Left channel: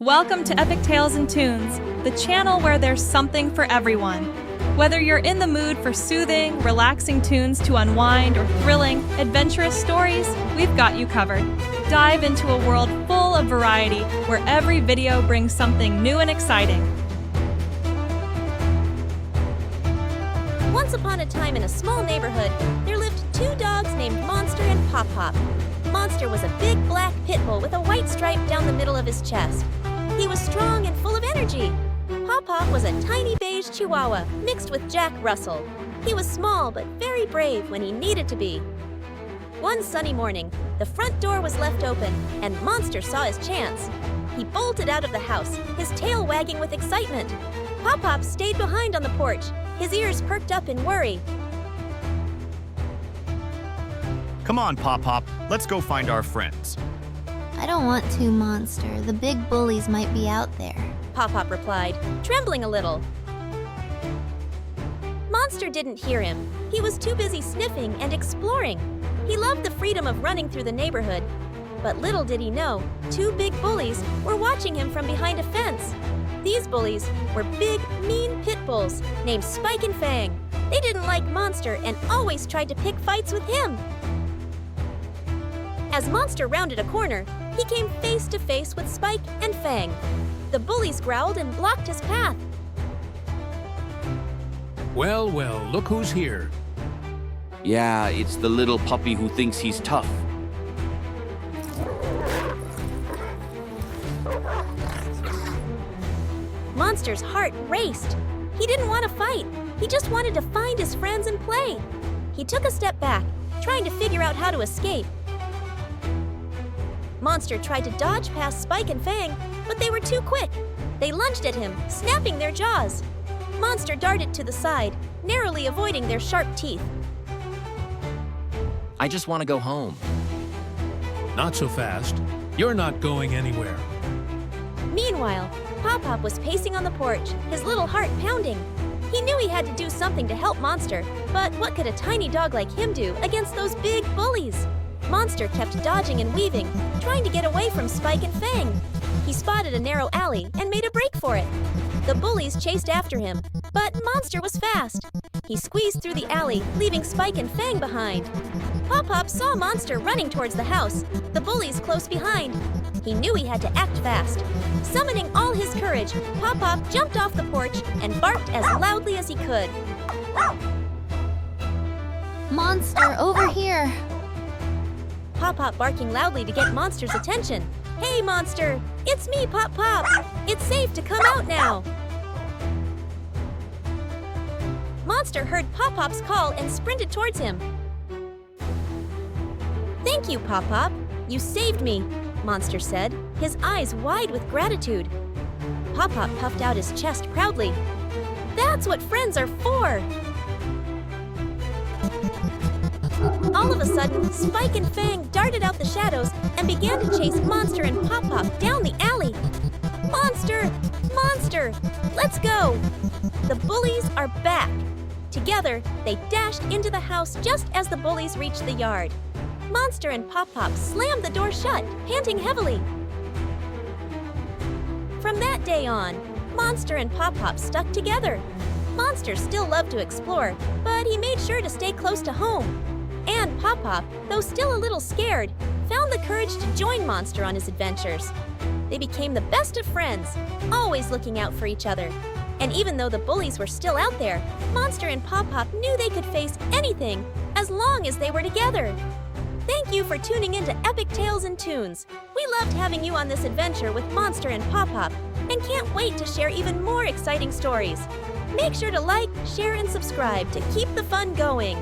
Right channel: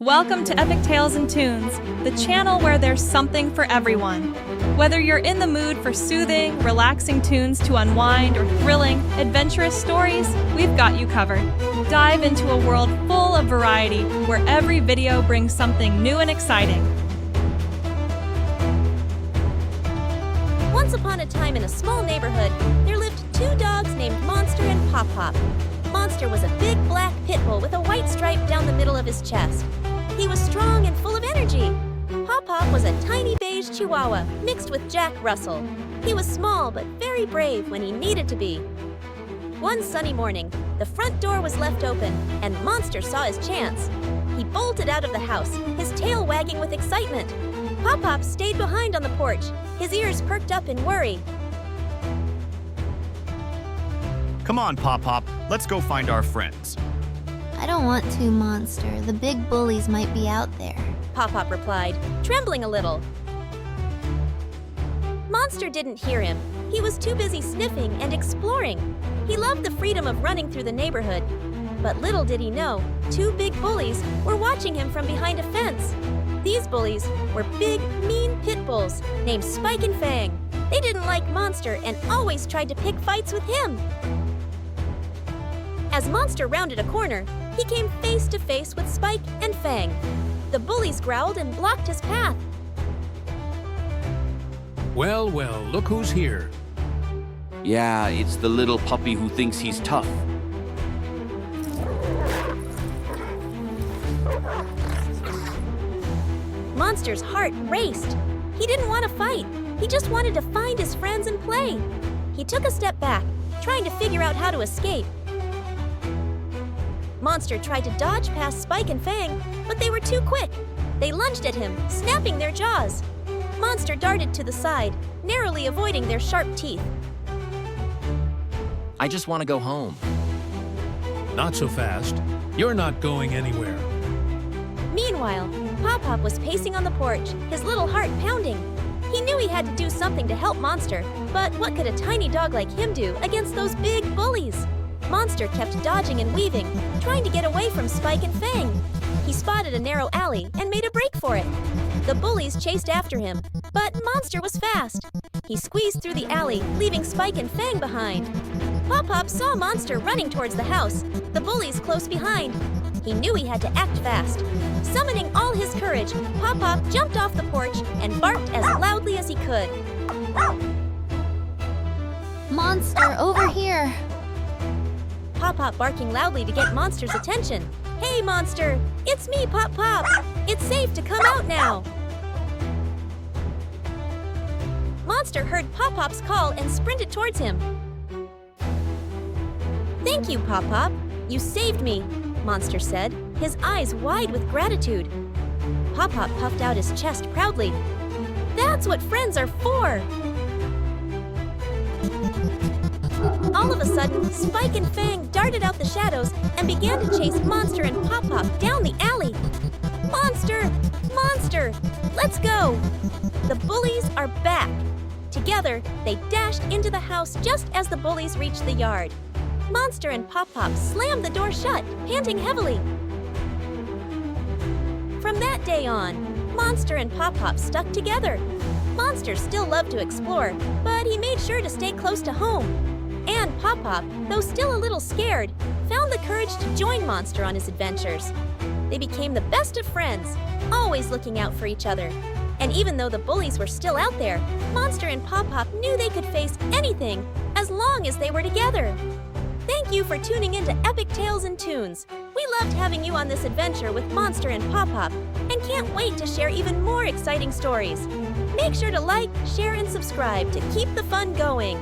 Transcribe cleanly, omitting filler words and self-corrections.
Welcome to Epic Tales and Tunes, the channel where there's something for everyone. Whether you're in the mood for soothing, relaxing tunes to unwind or thrilling, adventurous stories, we've got you covered. Dive into a world full of variety where every video brings something new and exciting. Once upon a time in a small neighborhood, there lived two dogs named Monster and Poppop. Monster was a big black pit bull with a white stripe down the middle of his chest. He was strong and full of energy. Poppop was a tiny beige chihuahua mixed with Jack Russell. He was small but very brave when he needed to be. One sunny morning, the front door was left open and Monster saw his chance. He bolted out of the house, his tail wagging with excitement. Poppop stayed behind on the porch, his ears perked up in worry. Come on, Poppop. Let's go find our friends. I don't want to, Monster. The big bullies might be out there. Poppop replied, trembling a little. Monster didn't hear him. He was too busy sniffing and exploring. He loved the freedom of running through the neighborhood. But little did he know, two big bullies were watching him from behind a fence. These bullies were big, mean pit bulls named Spike and Fang. They didn't like Monster and always tried to pick fights with him. As Monster rounded a corner, he came face to face with Spike and Fang. The bullies growled and blocked his path. Well, look who's here. Yeah, it's the little puppy who thinks he's tough. Monster's heart raced. He didn't want to fight. He just wanted to find his friends and play. He took a step back, trying to figure out how to escape. Monster tried to dodge past Spike and Fang, but they were too quick. They lunged at him, snapping their jaws. Monster darted to the side, narrowly avoiding their sharp teeth. I just want to go home. Not so fast. You're not going anywhere. Meanwhile, Poppop was pacing on the porch, his little heart pounding. He knew he had to do something to help Monster, but what could a tiny dog like him do against those big bullies? Monster kept dodging and weaving, trying to get away from Spike and Fang. He spotted a narrow alley and made a break for it. The bullies chased after him, but Monster was fast. He squeezed through the alley, leaving Spike and Fang behind. Poppop saw Monster running towards the house, the bullies close behind. He knew he had to act fast. Summoning all his courage, Poppop jumped off the porch and barked as loudly as he could. Monster, over here! Poppop barking loudly to get Monster's attention. Hey, Monster! It's me, Poppop! It's safe to come out now! Monster heard Poppop's call and sprinted towards him. Thank you, Poppop. You saved me, Monster said, his eyes wide with gratitude. Poppop puffed out his chest proudly. That's what friends are for! All of a sudden, Spike and Fang darted out the shadows and began to chase Monster and Poppop down the alley. Monster! Monster! Let's go! The bullies are back. Together, they dashed into the house just as the bullies reached the yard. Monster and Poppop slammed the door shut, panting heavily. From that day on, Monster and Poppop stuck together. Monster still loved to explore, but he made sure to stay close to home. And Poppop, though still a little scared, found the courage to join Monster on his adventures. They became the best of friends, always looking out for each other. And even though the bullies were still out there, Monster and Poppop knew they could face anything as long as they were together. Thank you for tuning in to Epic Tales and Tunes. We loved having you on this adventure with Monster and Poppop, and can't wait to share even more exciting stories. Make sure to like, share, and subscribe to keep the fun going.